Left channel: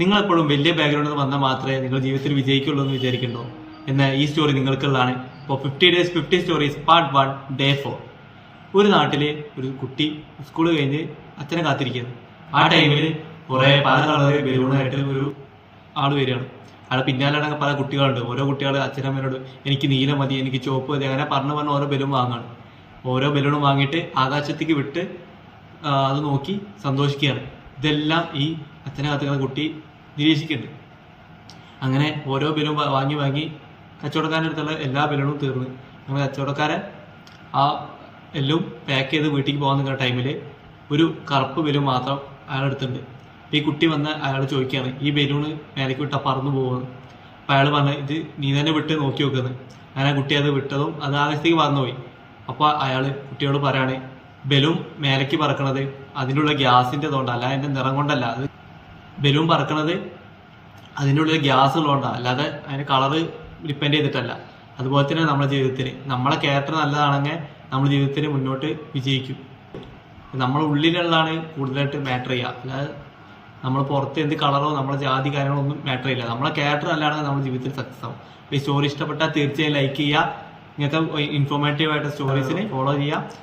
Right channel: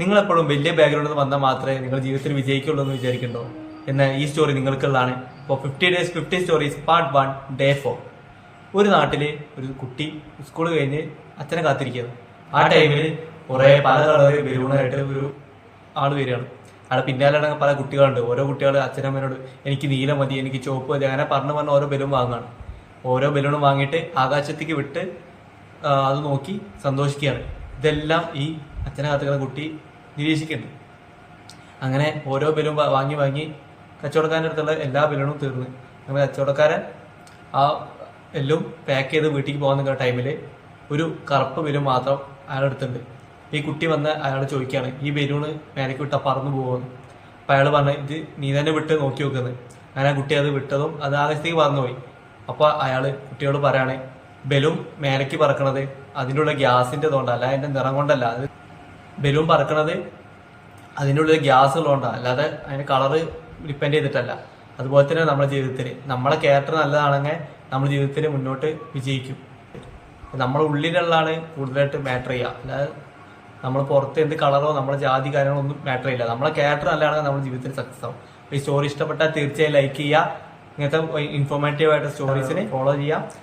നിങ്ങൾ എപ്പോഴും വലിയ ബാക്ക്ഗ്രൗണ്ടിൽ നിന്ന് വന്നാൽ മാത്രമേ നിങ്ങൾ ജീവിതത്തിൽ വിജയിക്കുള്ളൂ എന്ന് വിചാരിക്കണ്ടോ? എന്നാൽ ഈ സ്റ്റോറി നിങ്ങൾക്കുള്ളതാണ്. ഇപ്പോൾ 50 Days 50 Stories Part 1 Day 4. ഒരു നാട്ടിൽ ഒരു കുട്ടി സ്കൂൾ കഴിഞ്ഞ് അച്ഛനെ കാത്തിരിക്കുകയാണ്. ആ ടൈമിൽ കുറേ പല കളർ ബലൂണായിട്ട് ഒരു ആൾ വരികയാണ്. അവിടെ പിന്നാലെ അടങ്ങുന്ന പല കുട്ടികളുണ്ട്. ഓരോ കുട്ടികൾ അച്ഛനമ്മേനോട് എനിക്ക് നീല മതി, എനിക്ക് ചുവപ്പ് മതി, അങ്ങനെ പറഞ്ഞ് ഓരോ ബലൂൺ വാങ്ങുകയാണ്. ഓരോ ബലൂണും വാങ്ങിയിട്ട് ആകാശത്തേക്ക് വിട്ട് അത് നോക്കി സന്തോഷിക്കുകയാണ്. ഇതെല്ലാം ഈ അച്ഛനെ കാത്തുന്ന കുട്ടി നിരീക്ഷിക്കുന്നുണ്ട്. അങ്ങനെ ഓരോ ബലൂൺ വാങ്ങി വാങ്ങി കച്ചവടക്കാരൻ്റെ അടുത്തുള്ള എല്ലാ ബലൂണും തീർന്ന് അങ്ങനെ കച്ചവടക്കാരൻ ആ എല്ലാം പാക്ക് ചെയ്ത് വീട്ടിലേക്ക് പോകാൻ നിൽക്കുന്ന ടൈമിൽ ഒരു കറുപ്പ് ബലൂൺ മാത്രം അയാളെടുത്തുണ്ട്. ഈ കുട്ടി വന്ന് അയാൾ ചോദിക്കുകയാണ്, ഈ ബലൂണ് മേലേക്ക് വിട്ടാൽ പറന്നു പോകുമെന്ന്. അപ്പം അയാൾ പറഞ്ഞു, ഇത് നീ തന്നെ വിട്ട് നോക്കി നോക്കുന്നത്. അങ്ങനെ ആ കുട്ടി അത് വിട്ടതും അത് ആകാശത്തേക്ക് പറന്നുപോയി. അപ്പോൾ അയാൾ കുട്ടിയോട് പറയാണ്, ബലൂൺ മേലേക്ക് പറക്കണത് അതിൻ്റെ ഉള്ള ഗ്യാസിൻ്റെ കൊണ്ടല്ല, അല്ല അതിൻ്റെ നിറം കൊണ്ടല്ല. അത് ബലൂൺ പറക്കണത് അതിൻ്റെ ഉള്ളിൽ ഗ്യാസ് ഉള്ളതുകൊണ്ടാണ്, അല്ലാതെ അതിൻ്റെ കളറ് ഡിപ്പെൻഡ് ചെയ്തിട്ടല്ല. അതുപോലെ തന്നെ നമ്മുടെ ജീവിതത്തിൽ നമ്മളെ ക്യാരക്ടർ നല്ലതാണെങ്കിൽ നമ്മുടെ ജീവിതത്തിൽ മുന്നോട്ട് വിജയിക്കും. നമ്മുടെ ഉള്ളിലുള്ളതാണ് കൂടുതലായിട്ട് മാറ്റർ ചെയ്യുക, അല്ലാതെ നമ്മൾ പുറത്ത് എന്ത് കളറോ നമ്മളെ ജാതി കാര്യങ്ങളോ ഒന്നും മാറ്റർ ചെയ്യില്ല. നമ്മളെ ക്യാരക്ടർ നല്ലതാണെങ്കിൽ നമ്മുടെ ജീവിതത്തിൽ സക്സസ് ആവും. അപ്പോൾ ഈ സ്റ്റോറി ഇഷ്ടപ്പെട്ടാൽ തീർച്ചയായും ലൈക്ക് ചെയ്യുക. ഇങ്ങനത്തെ ഇൻഫോർമേറ്റീവ് ആയിട്ട് സ്റ്റോറീസിനെ ഫോളോ ചെയ്യുക.